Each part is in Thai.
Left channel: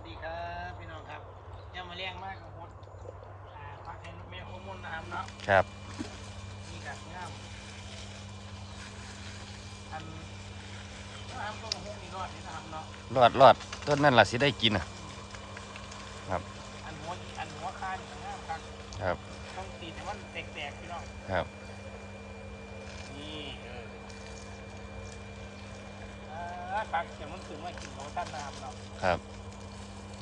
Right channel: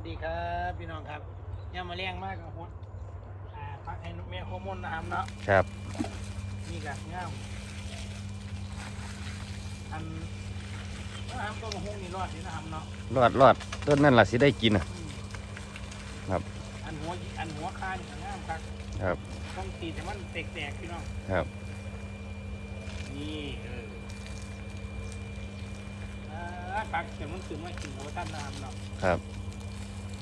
วัสดีครับพี่น้องครับย่ามาเลี้ยงมากกับฮดอ่าพักให้นกแม่โอมนนะครับเนาะครับนี่กังามอันนะครับต้นหุ้งนี่รอดนี่นะครับเนาะรอดรอดต้นนั่นล่ะสิได้กินอะอืมครับอันหัวอันหัวคานี่ก็งามครับครับต้องตีแต่มันแตกๆพี่น้องครับนี่เอออ่าปักแต่มันขึ้นมากินเขาตั้งน้ำเนาะครับ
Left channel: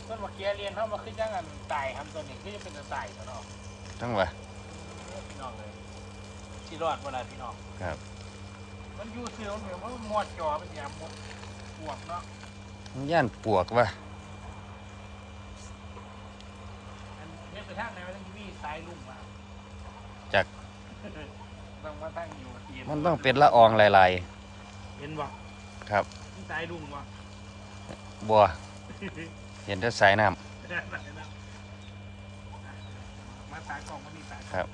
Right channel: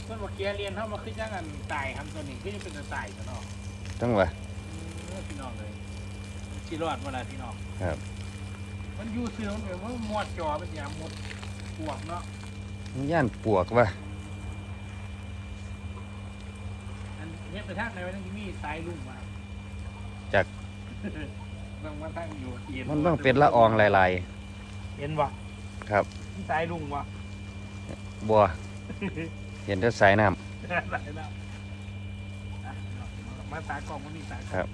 เมื่อเมื่อกี้เรียนเขามาขึ้นยังกันตายทำตัวนี้ขึ้นจะเป็นตัวตายตัวเนาะจังหวะเออพี่น้องเลยชีรอดเวลาพี่น้อง ครับ มันอยู่ซื้อมันเป็นมันมอดจอเป็นอย่างมดปวกเนาะ มันย่านปวกว่ะอันเฮ็ดไปทางไหนมันต้องมีสายลุ่งมาจาก ต้องมาตั้งอยู่เย็นมันต้องเป็นละอองลายเย็นวะครับ มีสายลุ่งวะๆบัว เห็นแต่สายน้สายน้ำอะมาตากล้องมันมีตากล้องครับ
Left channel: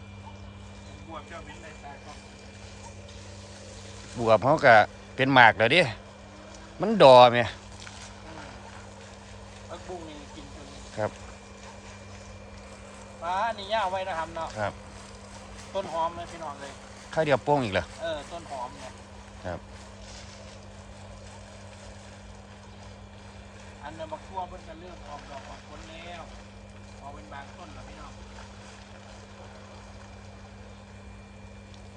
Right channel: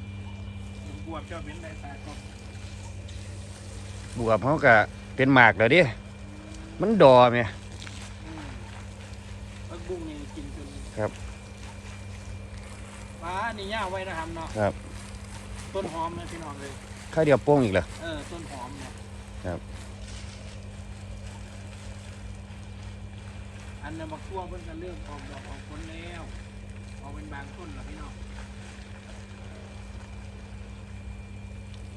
ผมบวกเจ้าเบ้นได้ตากล้องำบวบเขาก็เป็นหมากแล้วดิมันดอไหมอืมพักบุ้งนี่กินจนครับฟ้านี่ย่าไว้นะครับเนาะครับ ต้นหอมนะพี่น้องเลยข้าวเดียวโป้งอีกเหรอเออต้นหอมเนี่ยครับ อันนั้นมาคั่วเพิ่นก็เริ่มออกดอกออกผลแล้วออกเป็นบางต้นแล้วพี่น้อง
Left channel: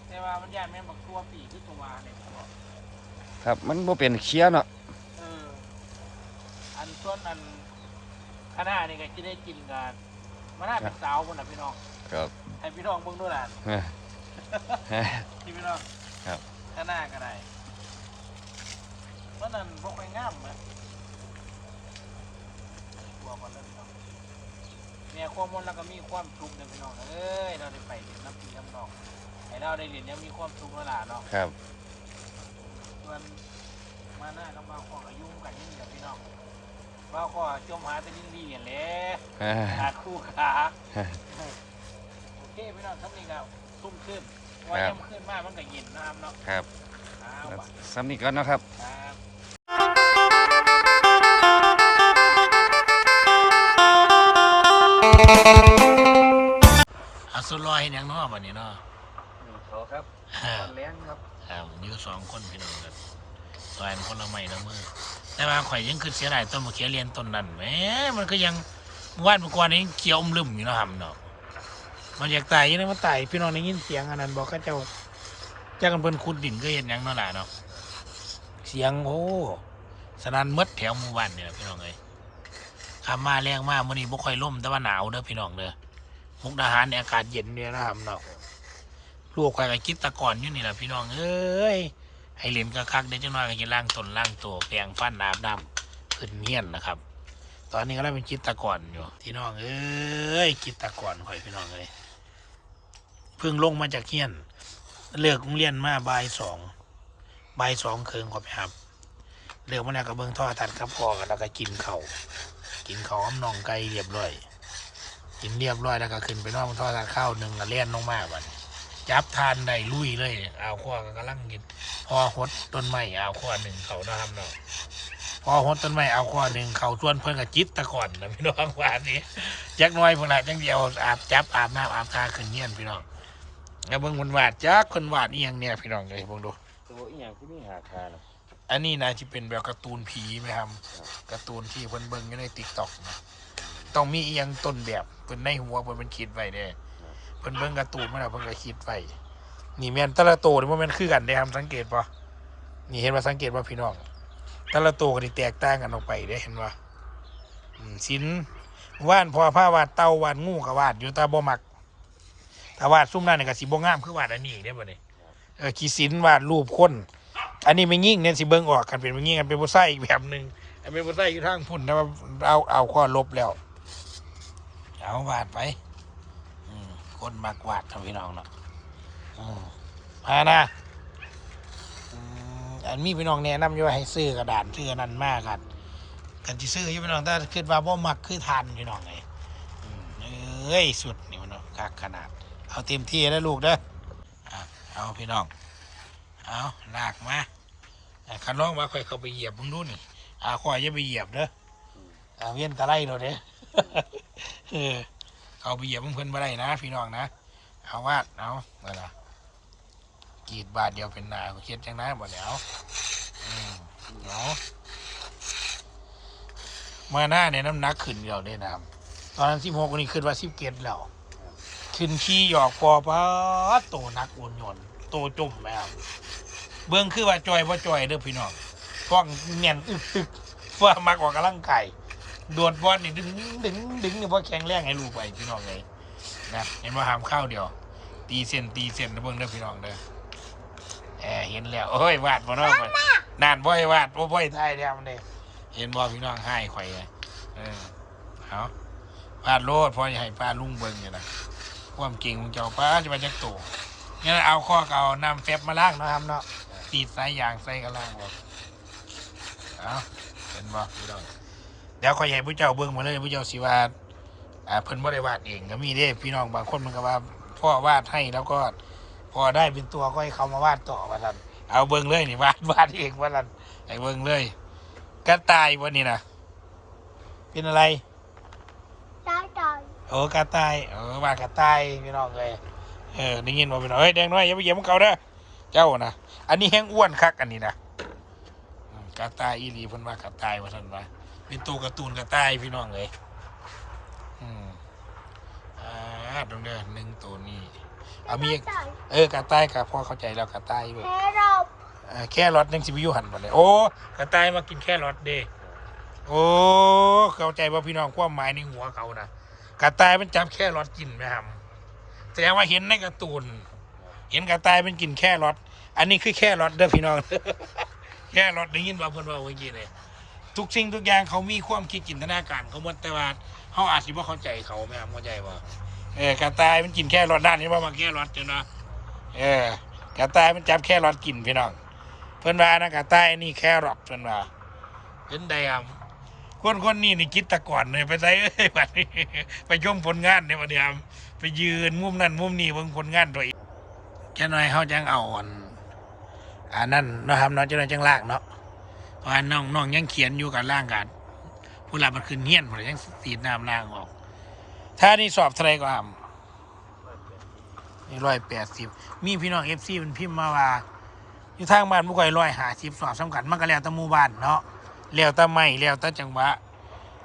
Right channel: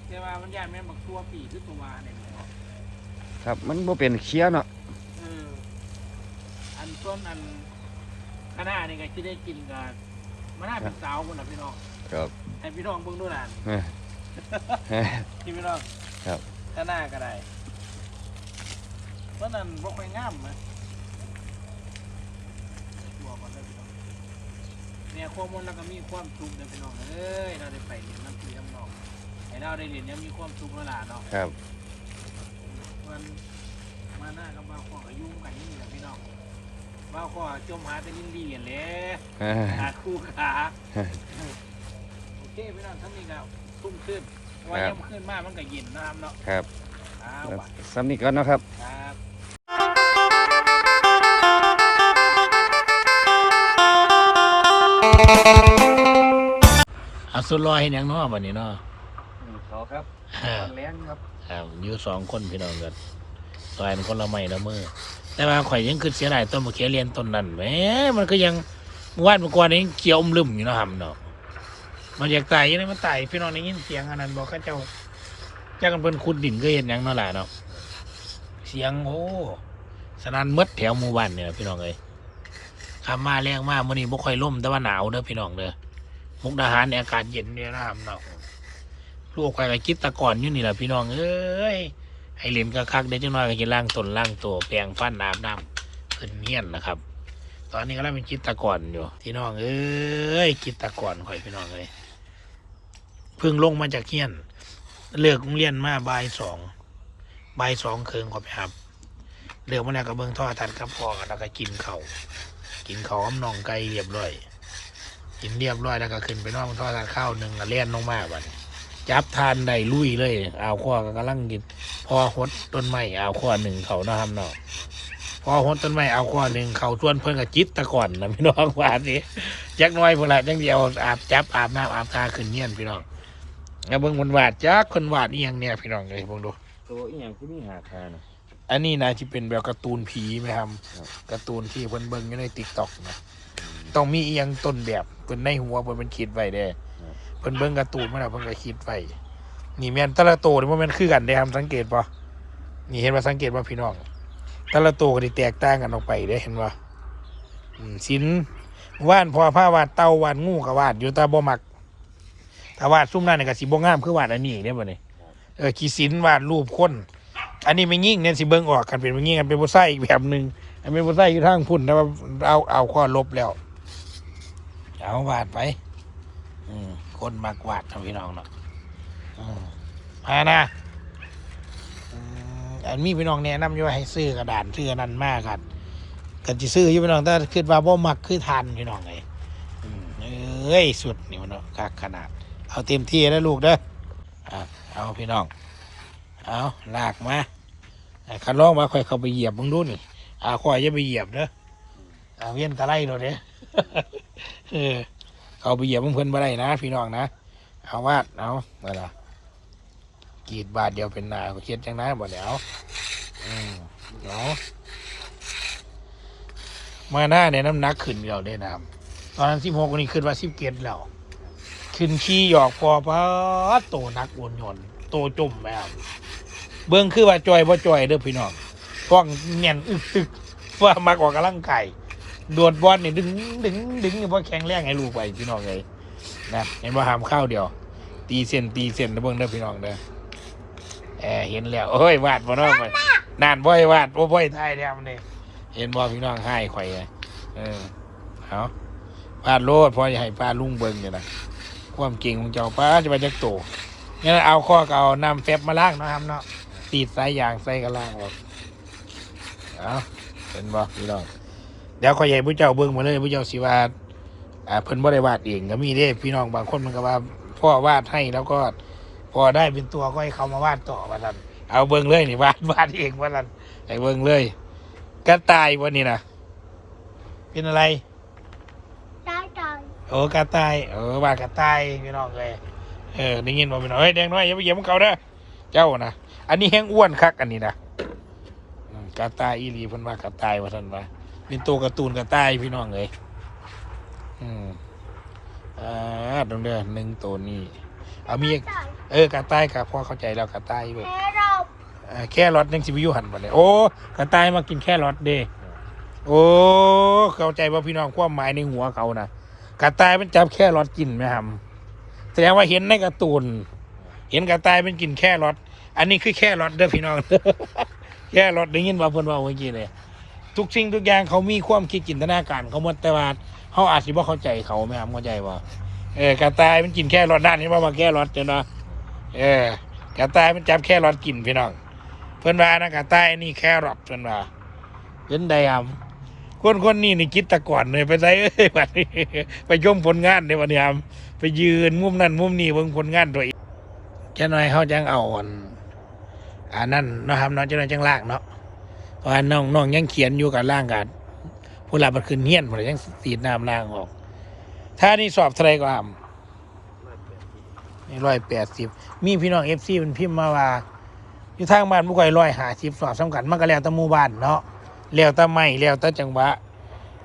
แต่ว่ามันยากแม่นบักทั่วปีคือตัววาเนี่ยเนาะครับ มันบ่เป็นเคี้ยเนาะเอออันต้นอันคณะนี่ก็ที่ได้กินกันมันน่าเป็นสาวคนละพี่น้องครับให้พี่น้องเบิ่งด้วยน่ะเอ้อเอ้อที่พี่น้องครับ คณะก็ได้เพราะนั้นบ่ค่อยงามนะตัวก่อนเลยพี่น้อง เนี่ยความมนต์แล้วก็มีความสุขเลยพี่น้องเอ้ยเราได้ไปเรียนน้ำปีน้ำนองให้เราได้เรียนเนี่ยมีความสุขแล้วล่ะเนาะครับมันมาหน้ากับมาขออายุ่งกันนี่แหละพี่น้องมาขอจมหาแต่ลิ้นดีอย่างเละเอ้อขาดคู่ขาโอเคพี่น้องท่านนี้นะทุ่มขึ้นว่าครับย่ำขึ้นมากมันก็เย็นน้ำเนาะครับอ้าวแล้วว่ะซ้ำนี้ก่อนเนาะครับครับ อาสุดลอยเห็นยังเนาะวันนี้เนาะเขาครับอ่าแรงครับครับอยู่สองคนพี่น้องกันซอยกันคนละไม้ละมือแต่ว่าข่อยยังคือเสียดายต้นมะเขือเรียนต้นนั้นแหมมันก็ยังเมื่อวานเมื่อก่อนนี้เขียวอมลืมอยู่เนาะครับเนาะมันอยากตายอยังไงมันตายพี่น้องได้ยินเสียงอันนั้นบอกเขาเจ้าเจ้ากันเพิ่นขุดดินก็เห็นหยังเนาะล่ะเนาะเสียงโอ้สนั่นหมดแถวหมู่บ้านเนี่ยพี่น้องเอ้ย ขับมาแรงมากมื้อนี้บ่ค่อยล่มแต่ว่าหนาวเด้อพี่น้องเด้อมุกดาหารเนี่ยอากาศเย็นเนี่ยนะครับเนาะลูกใครก็คิดตะก่อนอยู่นี่แหละพี่น้องเอ้ยให้เล่นกะคักได้จังน้อยก็จะล่างตนล่างตัวแปรงฟันอาบน้ำขึ้นเงี้ยนนะครับ ตอนนี้ก็เริ่มเป็นคิดตะก่อนอยู่พี่น้องเอ้ยคิดตะก่อนคอยพี่น้องเลยเพิ่งลงมาจากเงี้ยน เลิกโรงเรียนมาบ่ายสองบ่ายสองเคืองขอไปครับเลือกมาแล้วก็เบิ่งท่อทันครับพอกันแล้วก็กินเขา กินเขาวอ้อมน่องไก่เรียบร้อย กินเรียบร้อยแล้วก็ขึ้นไปนอกท่อทันข้าวหนึ่งก็เลี้ยนลงมาบัดจับทานได้ลุยเลยเอาข้อก็กำลังกิน พอหดต้นไม้เอาข้อหนึ่งเขาเนาะครับเนาะพอหดต้นไม้เอาข้อหนึ่งเขาส่วนเพิ่อนกับจิตตะก่อนนะพี่น้องว่านี้จักหน้อยพนละจังเดียวอาบจับอาบน้ำอาบตาขึ้นเนียนพี่น้องแล้วเบิ่งคนวาดจักคนวาดอียังเนี่ยพี่น้องเลยเบิ่งดูตัวอีหยังที่มีหาคานะ อันนี้นะที่เป็นแบบการ์ตูนผีไหมครับการ์ตูนที่เพิ่นเบิ่งอยู่ในติ๊กต็อกนะต้องมีเอียงต้นแบบเพิ่นในหัวเพิ่นเป็นคิดไว้เด้เพิ่นเบิ่งการ์ตูนมาแล้วเพิ่นก็คิดไว้นี่แม่นแต่ละโตนี่บ่แม่นคือกันเด้ครับสังเกตป่ะนี่เห็นว่าสังเกตว่าพี่น้องแต่ละโตก็สิแตกต่างกันออกไปเด้เห็นว่อืมสินว่านพอผ้าวาดเต่าวาดงูก็วาดอยู่แต่บ่มักถ้าวาดซุ่มนั้นนี่ก็สิบ่งามคือวาดอันนี้เด้บ่นี่เออขีสินวาดรูปคน อันนี้ไม่ยิ่งเนี่ยสิเบิ่งออกกันเป็นไม่ยิ่งกันเป็นผู้ใส่อีกแบบหนึ่งอันเป็นผู้ใส่อยู่ทางพุ่นแต่ว่าเอาเอาข้อลบแล้ว เอาวาดไปอืมคนมากวาดทำพี่น้องเนาะมานะอันมีพี่น้องแนะนำอยู่ว่าให้ซื้อกระดานซื้อนนั้นมากครับกันจะซื้ออยู่พี่น้องแต่คิดว่าบ่มักคือทานพี่น้องเลยเอ้ยสุดนี่มันเนาะคักขนาด เอาเต็มที่แล้วลูกเด้อเอาพี่น้อง เอาลากมา คันร้องมาค่อยเข้าไปเหยียบมึงดูนี่อาค่อยจะไปเหยียบเด้ออ่าเวียนตะไลโดดเด้เออเอาไปเหยียบเพื่อนบ่ได้นะพี่น้องนะเอาวาดเอาเมื่อละกรีดบาทเดียวเป็นหนาเขียนจังนะบ่เดี๋ยวอืมเอามาหน้าเนี่ยน้ำหนักขึ้นเราได้น้ำตอนนั้นสิบหกนี่ขึ้นว่าสิบเกตแล้วขึ้นขี้หยอกพอปะโตนักโอนหย่อนโตจมแบบ เบื้องคือว่าจอยบ่จอยเด้อพี่น้องฟ้องเงียนอึกตึกว่ามักออกกำลังไกายโดดบอลนี่ดึงดึงดึงนี่เพาะแข็งแรงให้ลูกไปพี่น้องเลยนะเห็นว่าหามข้าวเดียว ตีเส้นตีเส้นเบิ่งเด้อพี่น้องเด้อแอบเห็นแล้วโอ้ยวาดบ่นาะมันนานบ่อยวาดบ่บ่อยทายแล้วมันนี่เห็นบ่พี่น้องให้ข่อยเลยเออเอาวาดโลดพอจะให้ป้าลุงเบิ่งอยู่นะความเก่งของเจ้าป้าจะไปจักโตงั้นเอาข้อเอานำแฟบมาล่างนะครับเนาะ ตีดสายยางใส่กันล่างออกเอาเห็นบ่พี่น้องเดี๋ยวขอยใหญ่ผู้เจ้าเบิ่งมาเลยผู้เจ้าสิวาดอ่าเพิ่นบ่ได้วาดเองก็มีเด้พี่น้องบางคนมันก็ว่าพ่อวาดให้แล้วก็พอได้เป็นตัวก็ให้เขามาวาดต่อว่าซั่นเอาเบิ่งเลยนี่วาดวาดเองว่าซั่นให้เบิ่งเลยกระต่ายวันนี้นะเป็นอะไรได้ได้โอ้กระต่ายเออบ้านกระต่ายพี่น้องเลยเออได้ยินบ่พี่น้องเฮ้ยแดงน้อยอย่าไปเหยียบมันเขาเด้อเจ้านะ อันนี้แห้งอ้วนคักอันนี้นะอืมกระต่ายอีหลีเพิ่นว่ากระต่ายว่าท่านว่าเป็นตัวการ์ตูนกระต่ายพี่น้องเลยอืมอ่าตรงเด้อหนึ่งตัวนี้เอามีอีกเออกระต่ายกับพ่อเข้าใจแล้วกระต่ายลูกแค่รอบเอ่อแค่รถยังสิบอยุหันมาเลยโอ้กระต่ายมากินแค่รถเด้โอ้เข้าใจว่าพี่น้องความหมายในหัวเขานะกระต่ายมันจับแค่รถกินไหมครับแสดงว่าเห็นในการ์ตูน เห็นกระต่ายมันกินแค่รถ อันนี้คือแค่รถเด้อพี่น้อง แค่รถได้ยินว่าเพิ่นว่าเมื่อกี้เลยทุกสิ่งทุกอย่างเขามีความคิดจินตนาการเขาหมดแต่ว่าเขาอาจจะว่าเข้าใจเขาไหมครับเข้าใจว่าเออกระต่ายมันกินแค่รถด้านนี้ว่ามาแค่รถเจ้านาะเออกระต่ายมันจับแค่รถกินพี่น้องเพิ่นว่านะกะใต้นี่แค่รอทเพิ่นว่าเห็นได้ครับคนคนนี้นี่คิดตะก่อนเลยไปใส่เอ้ยบัดนี้ไปชมผลงานในวันนี้ครับไปยืนมุมนั้นมุมนี้เบิ่งผลงานตัวเองจะหน่อยเขาจังเอาอัน อันนั้นนะครับเนาะจะหน่อยจังล่างเนาะเพราะว่าน้องน้องยังเขียนอยู่กับล่างกันผู้หลับมันขึ้นเฮี้ยนหมดยังตีดน้ำล่างออก ถ้านี่สอบเท่าไรก็อ่ำร้อยแปดสิบมีพี่น้องเอฟซีเป็นพิมพ์มาว่าอยู่ทางบ้านบุกไก่ร้อยหาสิบสอบสำคัญมันก็แล้วแต่หมู่บ้านเนาะแล้วแต่ไม่แล้วแต่จังหวะ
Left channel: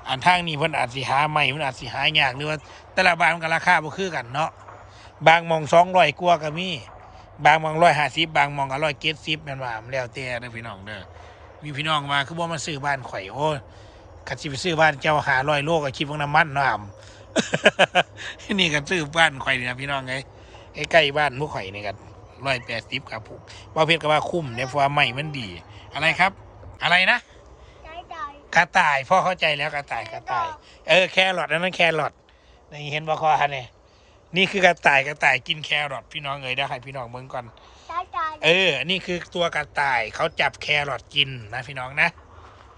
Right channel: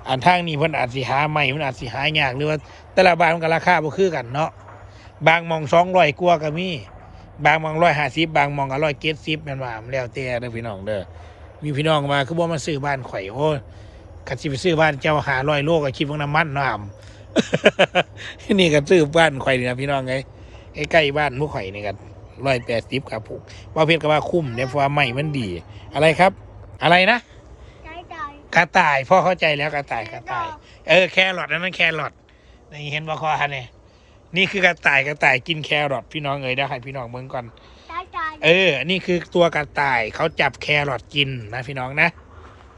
อันทางนี้เพิ่นอาจสิหาไม่เพิ่นอาจสิหายากหรือว่าแต่ละบ้านมันก็ราคาบ่คือกันเนาะบางมองสองร้อยกว่าก็มี บางหมองร้อยห้าสิบบางหมองก็ร้อยเจ็ดสิบแม่นว่ามันแล้วแต่เด้อพี่น้องเด้อมีพี่น้องมาคือบ่มาซื้อบ้านข่อยโอ้ยคันสิไปซื้อบ้านเจ้าหาร้อยโลก็คิดว่าน้ำมันเนาะอ่ำนี่ก็ซื้อบ้านข่อยนี่นะพี่น้องไงใกล้ๆบ้านหมู่ข่อยนี่กันร้อยแปดสิบครับผมว่าเพชรก็ว่าคุ้มเนี่ยเพราะว่าใหม่มันดี อะไรครับ อะไรนะได้ได้กระต่ายพ่อเข้าใจแล้วกระต่ายกระต่าย เออแครอทนั่นนั่นแครอทนี่เห็นบ่คอฮะเนี่ย นี่คือกระต่ายกระต่ายกินแครอทพี่น้องเอ๋ยได้ให้พี่น้องเบิ่งก่อนได้ได้เออ นี่คือตัวกระต่ายเขาจับแครอทกินนะพี่น้องนะ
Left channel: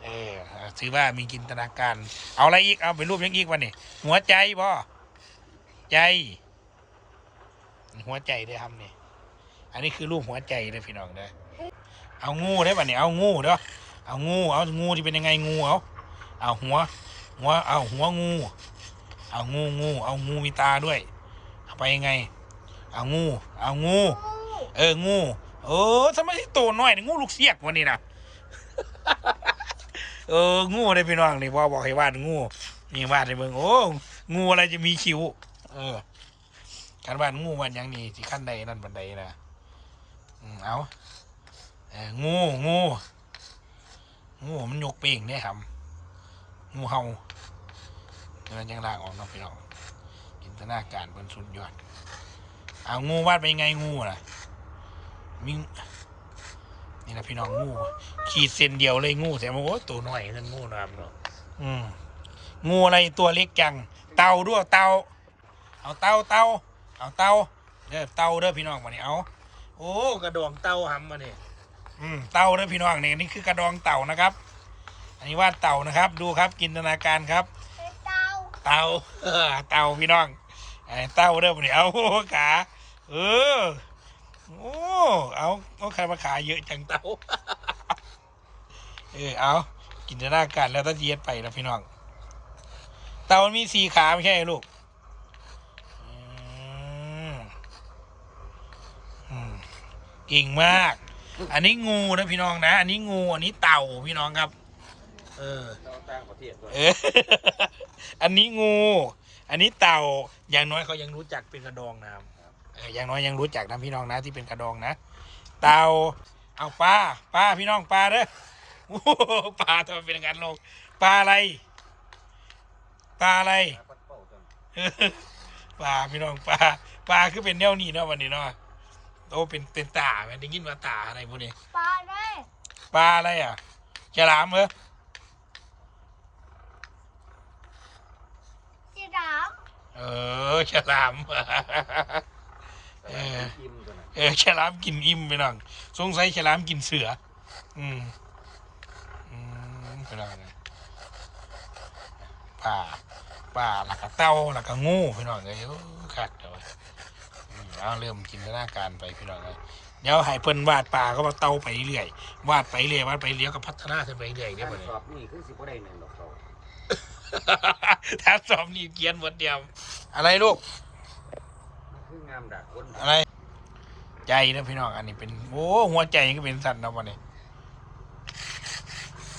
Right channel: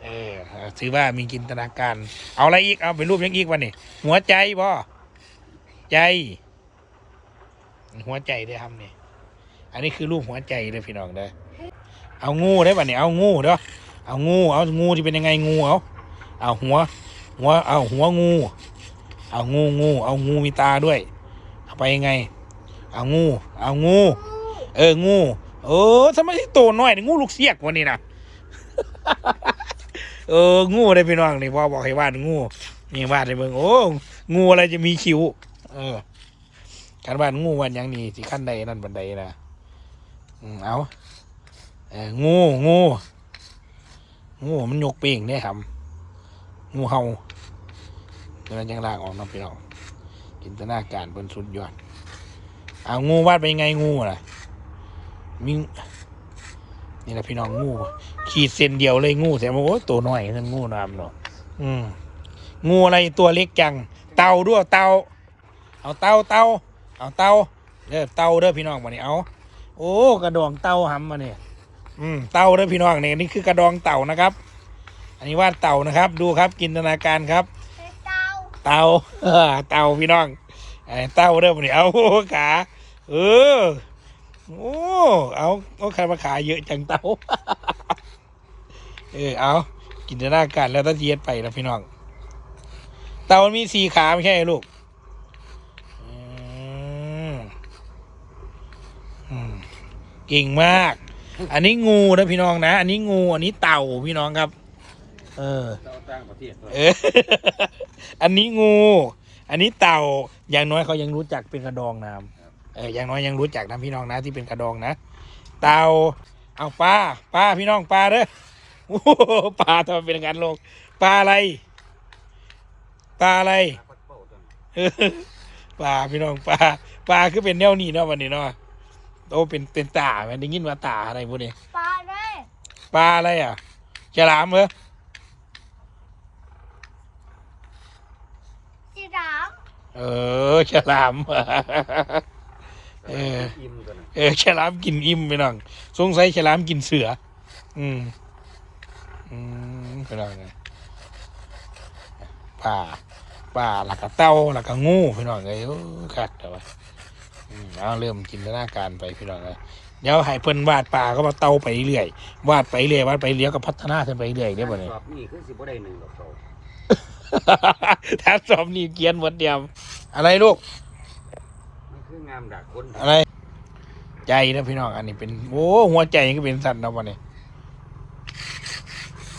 เออถือว่ามีจินตนาการ เอาอะไรอีก เอาไปรูปยังอีกวันนี้หัวใจบ่ใจ หัวใจได้อครับนี่อันนี้คือรูปหัวใจเลยพี่น้องเด้อเอางูได้ป่ะเนี่ยเอางูเด้อเอางู เอางูที่เป็นยังไงงูเอาเอาหัว หัว เอาหัวงู เอางูงู เอางูมีตาด้วยเอา ไปยังไง เอางู เอางู เอองู เออทำไมที่โตน้อยนี่งูลูกเสียกวันนี้นะเอองูได้พี่น้องนี่พ่อบอกให้วาดงูนี่วาดให้เบิ่งโอ้งูอะไรจะมีคิ้ว เออการวาดงูวันยังนี่ที่ขั้นใดนั่นบันไดนะอืมเอาเอองูงูงูมันยกเป่งเนี่ยครับงูเห่าเดี๋ยวนั้นยังลากออกเน้องพี่น้อง จินตนาการบนสุดยอดเอางูวาดไปยังไงงูล่ะมีนี่แหละพี่น้องงู ขีดเส้นเดียวเลยงูแต่โอ้ตัวน้อยนั่นงูน้ำเนาะอืมงูอะไรตัวเล็กจัง เต่าด้วยเต่าเอาเต่าเต่าเอาเต่าเด้อเต่าเด้อพี่น้องมาเนี่ยเอาโอ้กระดองเต่าหำมาเนี่ยอืมเต่าเด้อพี่น้องเนี่ยนี่คือกระดองเต่านะครับ อันนี้วาดเต่านะครับ ดูครับจินตนาการครับ เต้าเตาพี่น้องไอ้เตาเด้อมาเนี่ยเอาขาเออโอ้เอาเอาใครมาขายเยอะจังเตาเออเอาจินตนาการแล้วต้องเทียดไปแล้วพี่น้อง เตามันมีสี่ขาไม่ใช่ลูกเก่งมาก อันนี้งูนะพี่น้องนะ อันนี้งู อันนี้เต่าพี่น้องครับ เออจ้างประเทศเออ อันนี้งู อันนี้เต่า อย่างน้อยเขายังรู้จักเป็นกระดองน้ำเออ อย่างน้อยยังรู้จักนะพี่น้องนะที่เป็นกระดองนะ เต่า เอาปลา ปลาพี่น้องปลาเด้อโอ้โหปลาทำไมเป็นอย่างนั้นลูกปลาอะไร ปลาอะไร เออปลาพี่น้องปลาปลาคือเป็นแนวนี้เนาะวันนี้เนาะโอ้เป็นเป็นตาแม่ได้ยินว่าตาอะไรพวกนี้ปลาได้ปลาอะไรอะฉลามเหรอ สีด เออฉลาม เออ อิ่มกันนะเออฉลามกินอิ่มไปน้องสงสัยฉลามกินเสือ อืม อืมไปน้องนะป่าป่าหลักกะเต้าหลักกะงูพี่น้องเลยโอ้คักแต่ว่าอืมเอาเริ่มจินตนาการไปพี่น้องเลยเดี๋ยวให้เพิ่นวาดป่าก็มาเต้าไปเรื่อยวาดไปเรื่อยวาดไปเรื่อยก็พัฒนาขึ้นไปเรื่อยได้บ่เนี่ยสอบนี่คือสิบ่ได้หนึ่งดอกสอง ถ้าสอบนี่เกียนหมดเดียม อะไรลูก มันคืองามดักคนอะไร ใจนะพี่น้องอันนี้เป็นโอ้หัวใจก็เป็นสัตว์นะวันนี้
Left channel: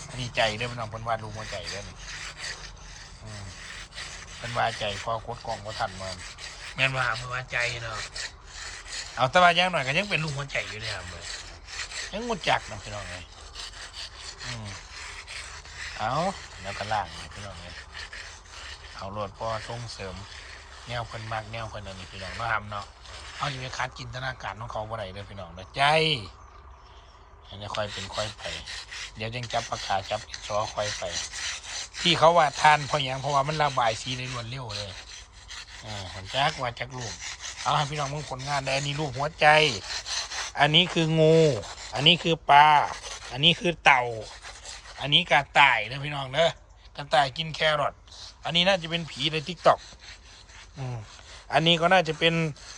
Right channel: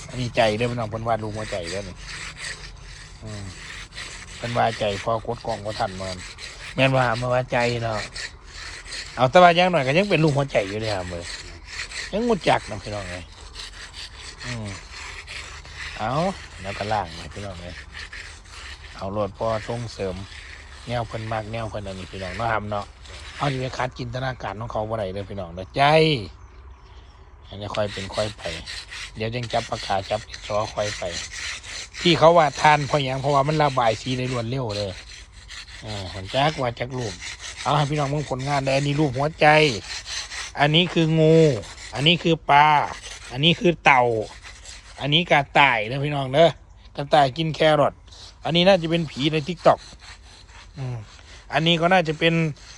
อันนี้ใจเด้อพี่น้องเพิ่นวาดรูปหัวใจเด้อนี่อืมเพิ่นวาดใจพอกดกล่องก็ทันมันแม่นว่ามาว่าใจเนาะเอาแต่ว่าอย่างหน่อยก็ยังเป็นรูปหัวใจอยู่เลยครับเลยยังงดจักนะพี่น้องเลยอืม เอาแล้วก็ล่างนะพี่น้องเลยเอาโหลดพอส่งเสริม แนวเพิ่นมากแนวเพิ่นอันนี้พี่น้องเนาะทำเนาะเอาที่ไปคัดจินตนาการของเขาบ่ได้เลยพี่น้องเด้อใจอันนี้ค่อยเป็นค่อยไป เดี๋ยวยังจับปากกาจับดินสอค่อยไป ที่เขาว่าทานเพราะหยังเพราะว่ามันระบายสีได้รวดเร็วเลยอ่าผมจักว่าจักรูปเอาให้พี่น้องมึงผลงานได้อันนี้รูปหัวใจ อันนี้คืองู อันนี้คือปลา อันนี้คือเต่า อันนี้กระต่ายนะพี่น้องเด้อกระต่ายกินแครอทอันนี้น่าจะเป็นผีในทิกตอกอันนี้ก็น่าจะเป็น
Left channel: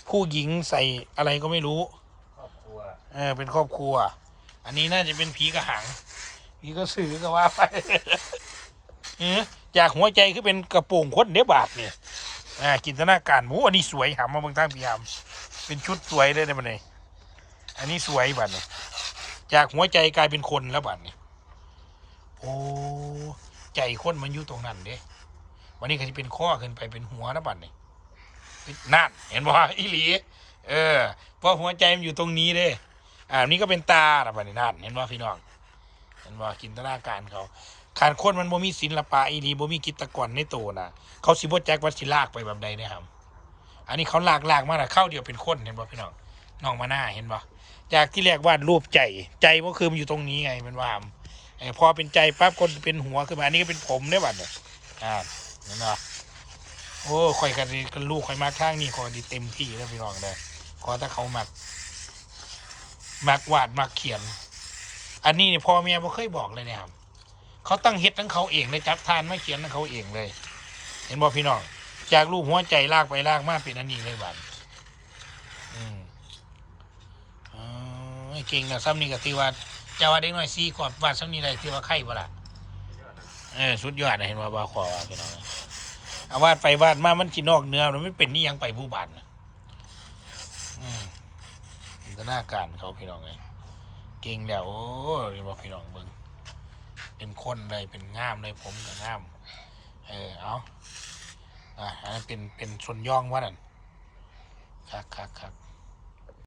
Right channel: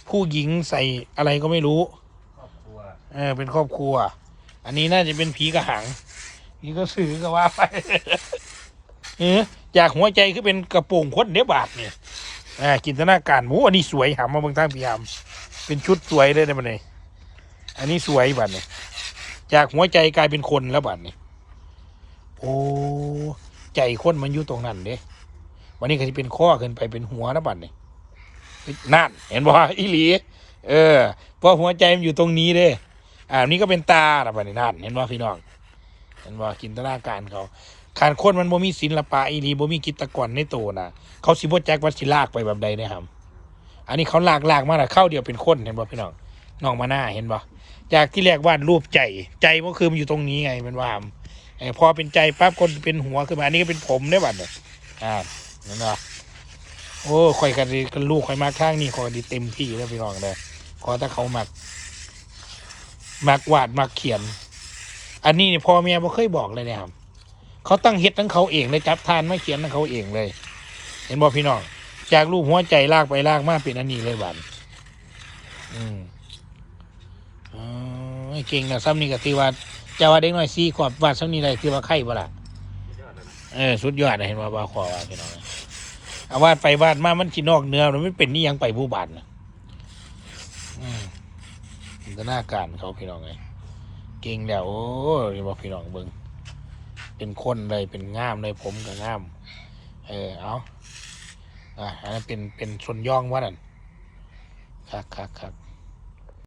ผู้หญิงใส่อะไรก็ไม่รู้ครอบครัวเออเป็นครอบครัว อันนี้น่าจะเป็นผีกระหังนี่ก็สื่อก็ว่าไปเออจากหัวใจคือเป็นกระโปรงคนเนี้ยบาทเนี่ยอ่าจินตนาการหมูอันนี้สวยหามาเบางทางพี่หามเป็นชุดสวยเลยนะบัดนี้อันนี้สวยบัดนี้จากหัวใจกลายเป็นคนแล้วบัดนี้ โอ้ใจคนมันอยู่ตรงนั้นเด้วันนี้ก็จะเป็นข้อขึ้นไปเป็นหัวแล้วบัดนี้นั่นเห็นบ่อีหลี เออเพราะหัวใจมันอยู่ตรงนี้เด้อ่านี่ก็เป็นตาละบัดนี้นั่นเห็นบ่พี่น้องเห็นบ่จินตนาการเขาการคนมันบ่มีศิลปะอีหลีบ่มีกิจกรในตัวน่ะเขาสิบ่แจ็คว่าสิลากไปแบบใดเนะครับอันนี้เขาลากลากมาแล้วเข้าเดียวเป็นคนเห็นบ่พี่น้องน้องมาหน้าเห็นบ่จากที่แรกวาดรูปใจใจก็คือมันอยู่ตรงนี้ไงมันว่า พอเป็นใจปั๊บคนเป็นหัวขึ้นมาอันนี้ก็เป็นผมได้บัดเนี่ยอ่าเห็นบ่โอ้ข่อยกันดีกันลูกข่อยมาข้างนี่ข่อยดีเต็มที่แล้วพี่น้องเลยขอถ้าเขามักมักวาดมักเขียน อันนี้เนี่ยพ่อแม่บ่เคยบอกเลยเนี่ยครับเขาตั้งเฮ็ดทั้งเขาเองเลยจับทานมาเขียนทั้งเขาเองเลย เห็นบ่พี่น้องจากลูกหัวใจลากไปลากมาเป็นอันนี้เลยบันอืมอ๋อเก่งนะซ้ำนี่ก็ที่ว่า จะว่าเด็กน้อยสี่ขวบวาดซ้ำนี่ได้ที่ว่าไข่บ่ล่ะยอดแล้วนะเออสุดยอดนะเห็นว่าบาขอว่าพี่น้องเอาวาดไปวาดมามันสินอกเนื้อมันไม่เป็นนี่ยังไปผู้บานนะอืมจินตนาการเขาพี่น้องเลยเก่งแล้วโอ้ยบอกพี่น้องเบิงเป็นคนเลยเป็นง่ามเลยผมก็ง่าม เออเอาอะอันนั้นเป็นเป็นชนย่องว่านั่นคักคักคัก